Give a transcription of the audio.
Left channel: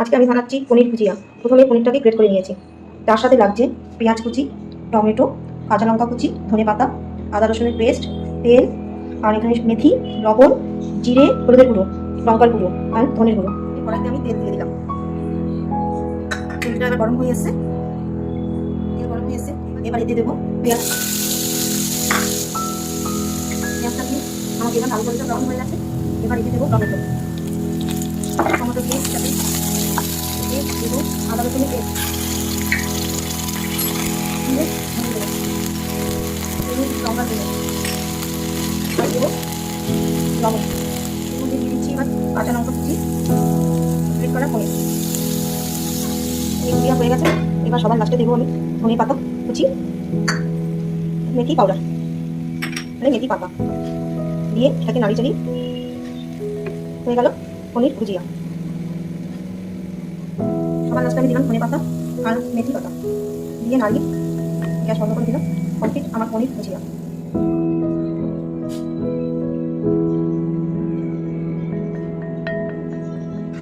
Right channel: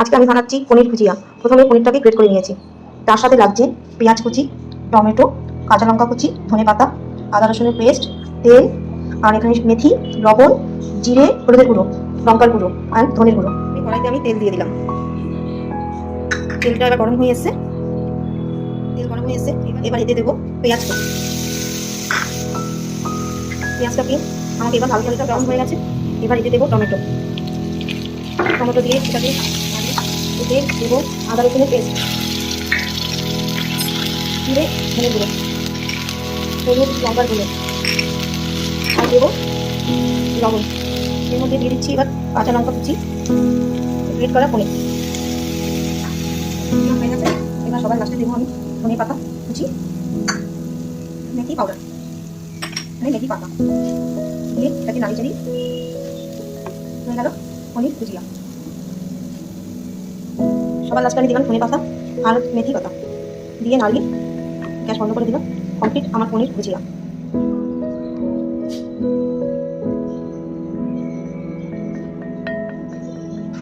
আজকে আমি বানাচ্ছি পনির ভুজিয়া। প্রথমে পনিরটাকে গ্রেট করে নিয়েছি। তার সাথে লাগছে পেঁয়াজ কুচি, টমেটো, কাঁচা লঙ্কা কুচি, ধনেপাতা, আদা রসুনের পেস্ট, তেল, আর এখানে মেথি, লবণ, জিরে, হলুদের গুঁড়ো, লঙ্কার গুঁড়ো আর ধনের গুঁড়ো। এই কড়াইতে আমি তেল দিয়ে দিলাম। তেলটা এবার গরম হয়ে এসছে। তেল গরম হয়ে এসছে, এবার এতে দেবো পেঁয়াজ। পেঁয়াজটাকে আমাকে এবার হালকা হালকা গরম হয়ে গেছে। এবার এতে দেবো টমেটো। টমেটো দিয়ে এটাকে এতে দেবো আদা রসুনের পেস্ট, জিরে, ধনে গুঁড়ো, হলুদ, লঙ্কার গুঁড়ো আর দেবো লবণ। এর মধ্যে দিয়ে দিচ্ছি এবার কাঁচা লঙ্কা কুচি, গ্রেট করা পনির। ভুজিয়া হয়ে গেছে। এবার সবার লাস্টে দেবো আমি ধনে পাতা কুচি, মেথি পাউডার, মানে মেথি পাতা দিয়ে এটাকে নাড়ি চাড়িয়ে হয়ে গেল পনির ভুজিয়া। সবার লাস্টে আমি দিলাম ধনে পাতা আর মেথি পাতা দিয়ে নাড়িয়ে গ্যাস বন্ধ করে দিলাম। কমপ্লিট আমার পনির ভুজিয়া।